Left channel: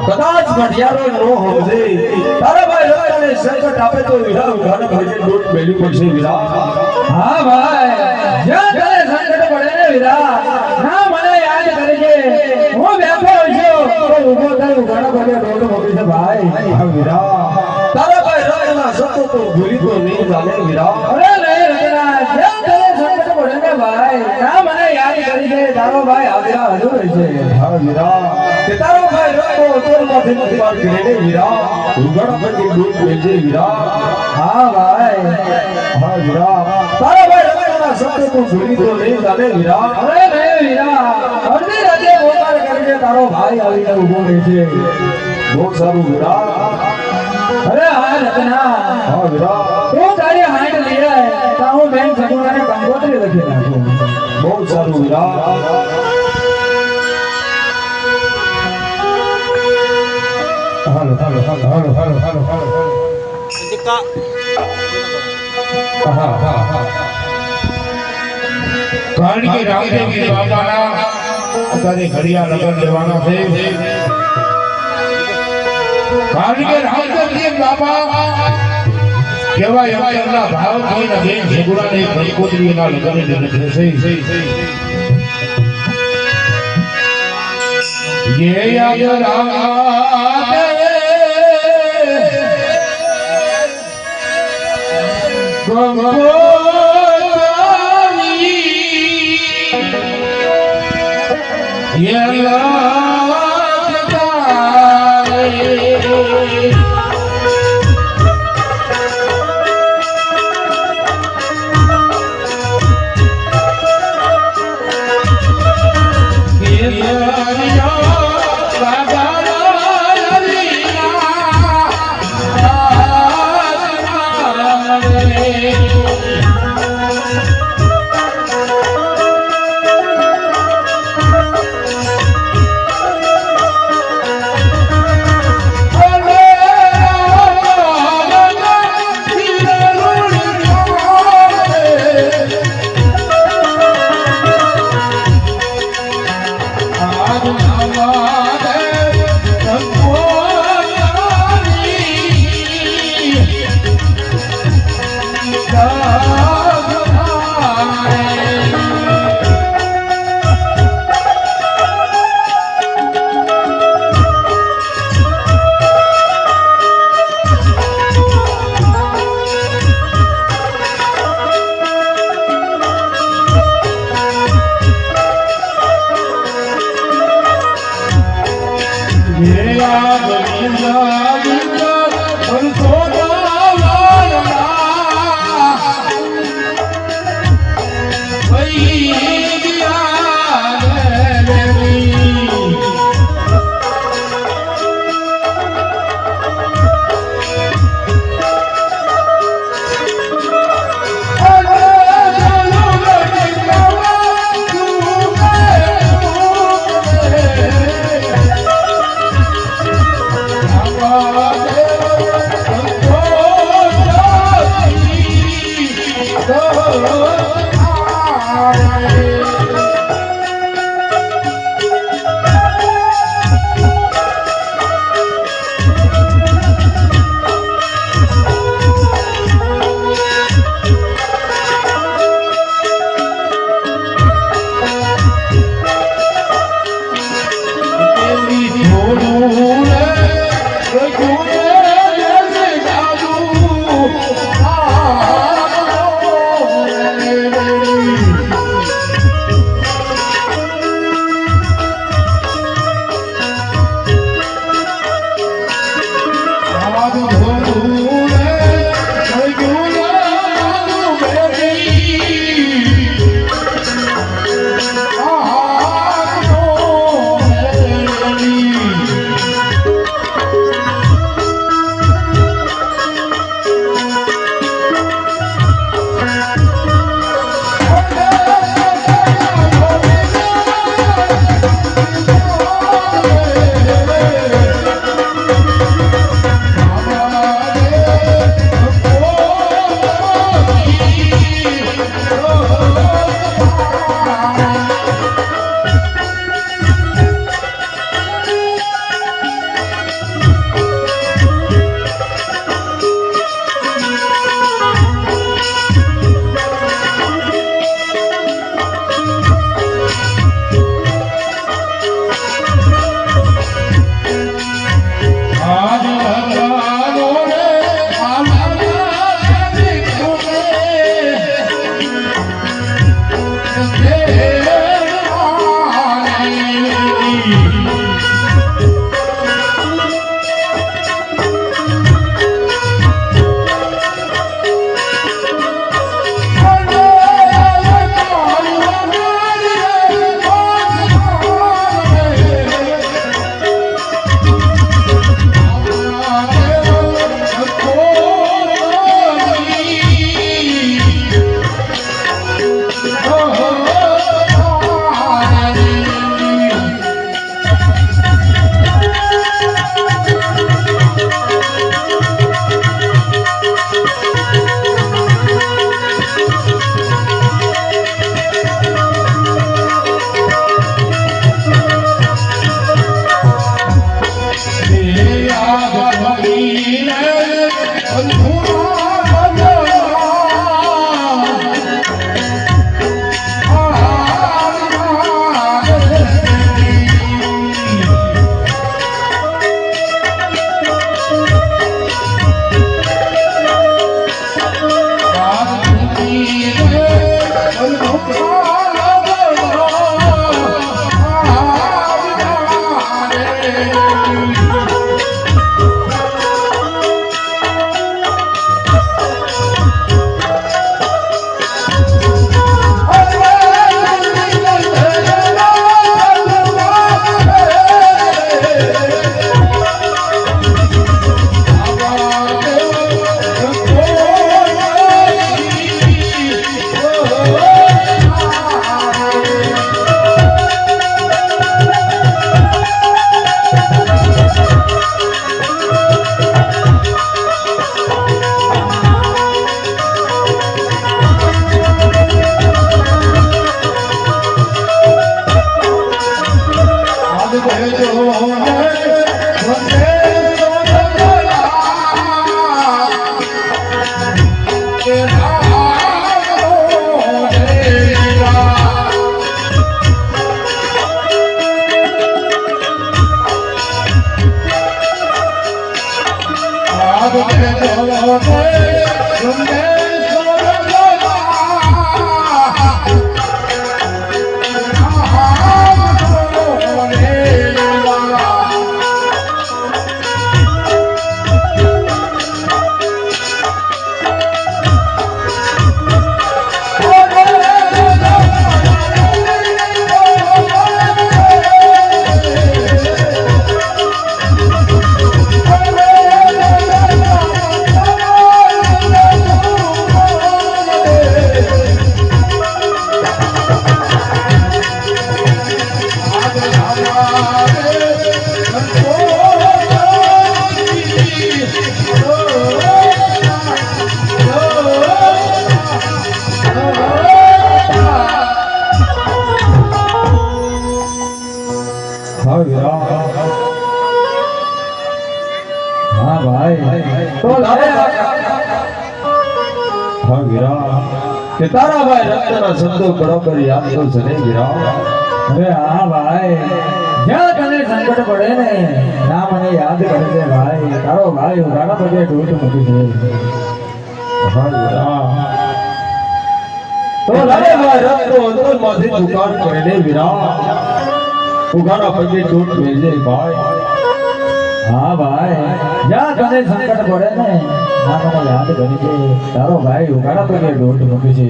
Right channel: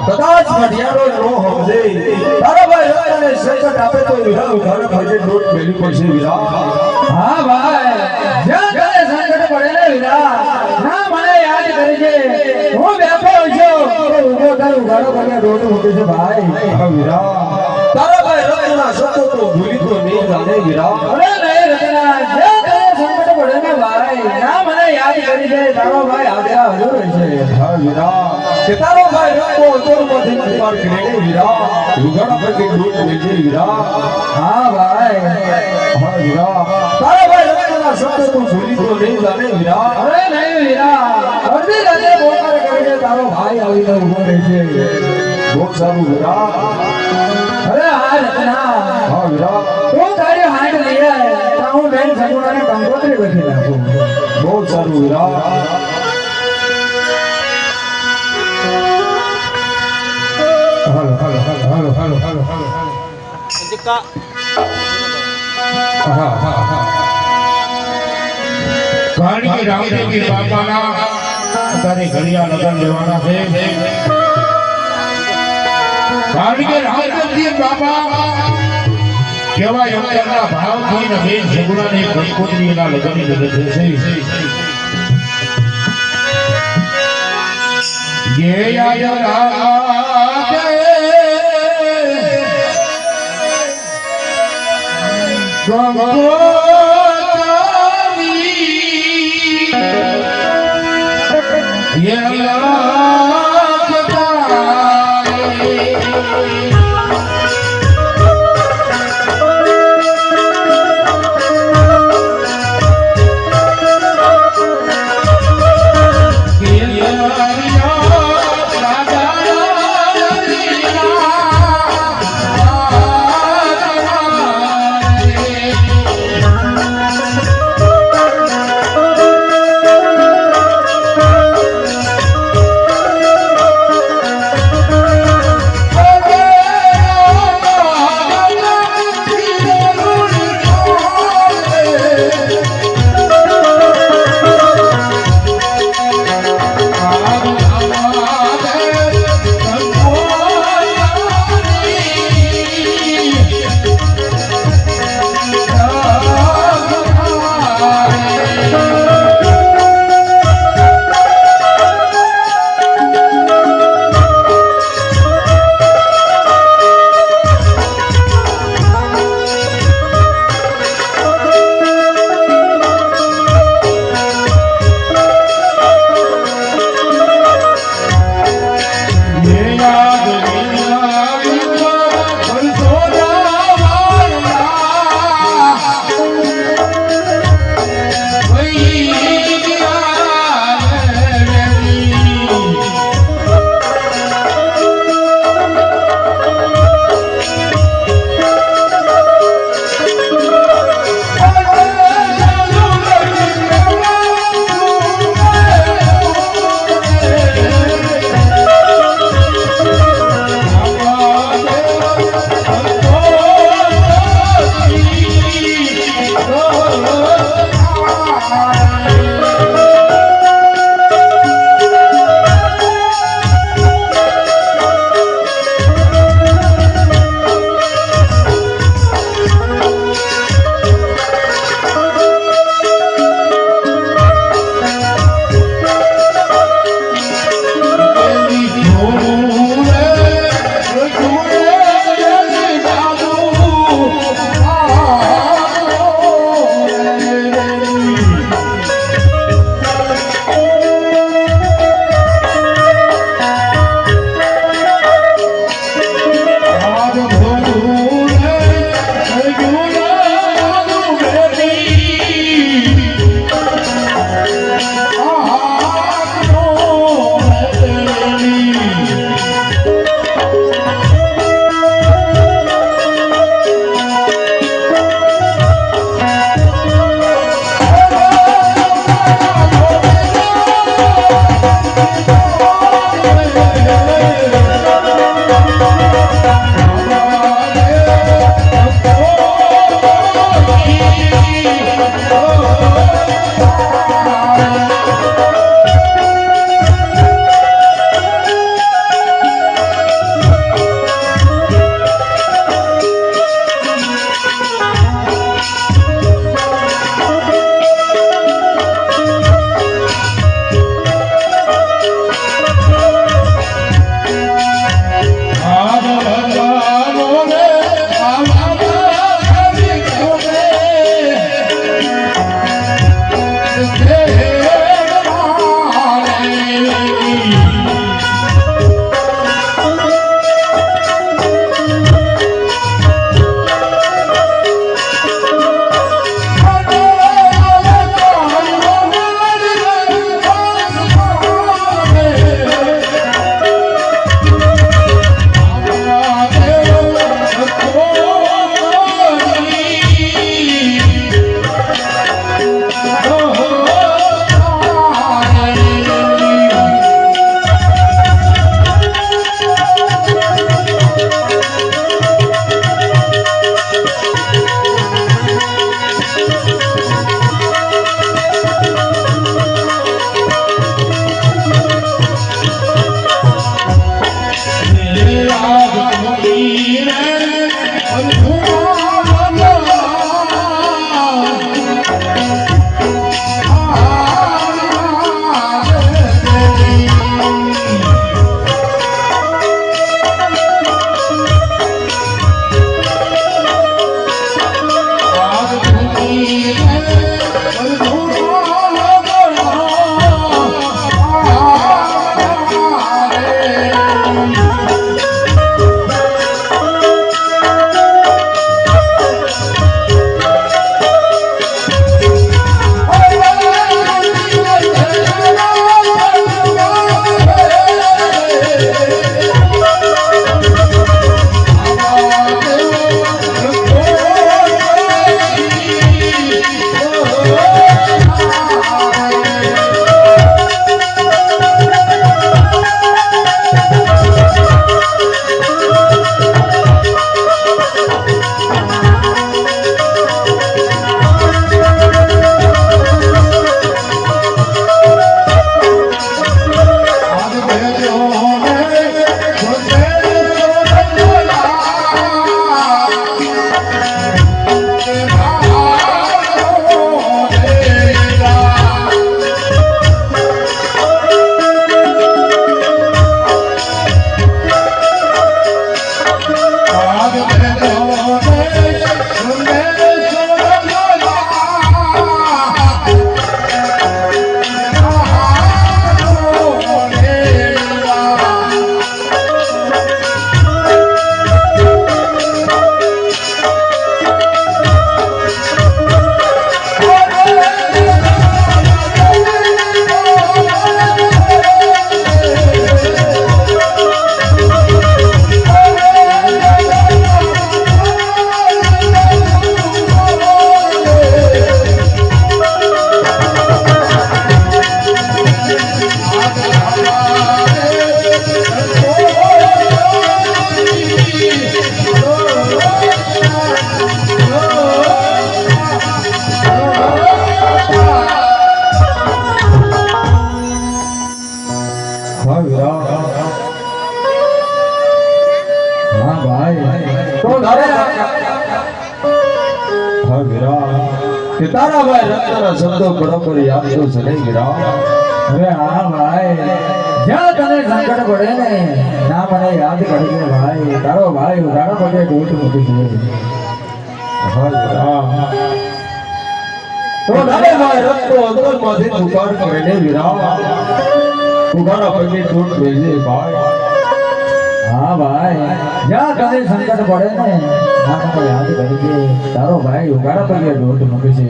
કદાચ ઘડિયાળો નો સમજે તારા ભાઈ રસ્તાને સંકટ આપે તો વિરા ઉઘાડા ભાગે લોટ મેલ્યું પડશે વિરા. હા ભાઈ જ્યાં તને સંકટ પડે ને વિરા ના મને યાદ કરજે હું બેઠો છું તો ઉભો થઈ ઉઘાડા ભાગે લોટ મૂકી છે ભાઈ. હા વિરા તારા ભાઈ રસ્તાના શબ્દો તો ભૂલી તો નહીં જાણે વિરા. અરે નહીં રતના જ્યાં તને સંકટ પડે ને ભાઈ ના મને યાદ કરજે તારો ભાઈ આગળ હાજર છે. હા વિરા તે તારો ભાઈ રસ્તો તોરમાંથી નથી પાર કરે ને વિરા ઉઘાડા ભાગે લોટ મેલજે વિરા. હા ભાઈ હા વિરા તારા ભાઈ રસ્તાના શબ્દો તો ભૂલી તો નહીં જાણે વિરા. અરે નહીં વિરા અડધી રાતે મોબાઈલ કરજે તારો ભાઈ આવીને ઉભો રહેશે. બહુ સારું વિરા. અરે હા રતના હા વિરા તું તારી હાંડ લઈ આય તો હું બેન સગુણાને કંકોત્રી લખી નાખું. બહુ સારું વિરા. હાલો હાલો હાલો હાલો હાલો હાલો હાલો હા હા હા કારણ કે રામદેવજી બાપાના અત્યારે ઘડિયા લગન જવાના છે. કારણ કે રામદેવજી બાપા કેવાય અંતરના ભાવ થઈને બેન સગુણાની કંકોત્રીના લગનની લગન છે. ये याद Oh તો લે હા વીરા કે તારા ભાઈ રત્નના શબ્દો બરાબર યાદ તો છે નહીં વીરા અરે હા ભાઈ જ્યાં તને સંકટ પડે ને ના મને યાદ કરજે ભાઈ તારો ભાઈ ઉઘાડા પગે ઢોટ મૂકી છે હા વીરા તો લાગે ભાઈ રત્નો અંતરમાંથી પુકાર કરીને વીરા ઉઘાડા પગે ચોટ મેળજે ભાઈ હા ભાઈ જ્યાં તને સંકટ પડે ને ના મને યાદ કરજે તારો ભાઈ ઉઘાડા પગે ઢોટ મૂકે છે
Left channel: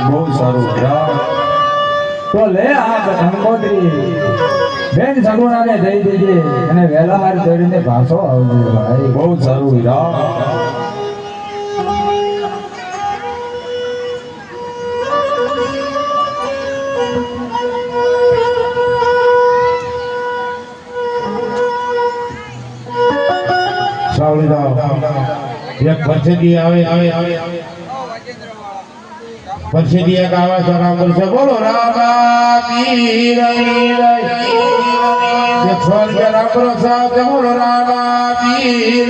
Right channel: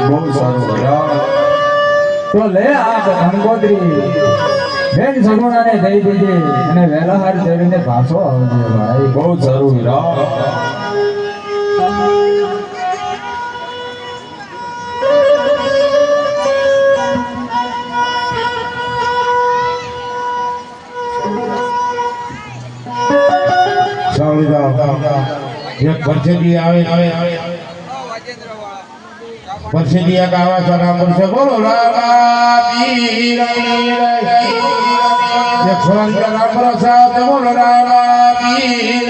બહુ સારું વીરા તો લે આ ગંગોત્રી બેન સગુણાને દઈ દીજે અને વહેલા હાર ચડીને પાછો આવજો ભાઈ બહુ સારું વીરા એક પરસેદી આવે પરસેદી ગાવા સારા પરસે બોલો રામા પીર એક સ્વર્ગ રામ પ્રસાદ બોલો રામા પીર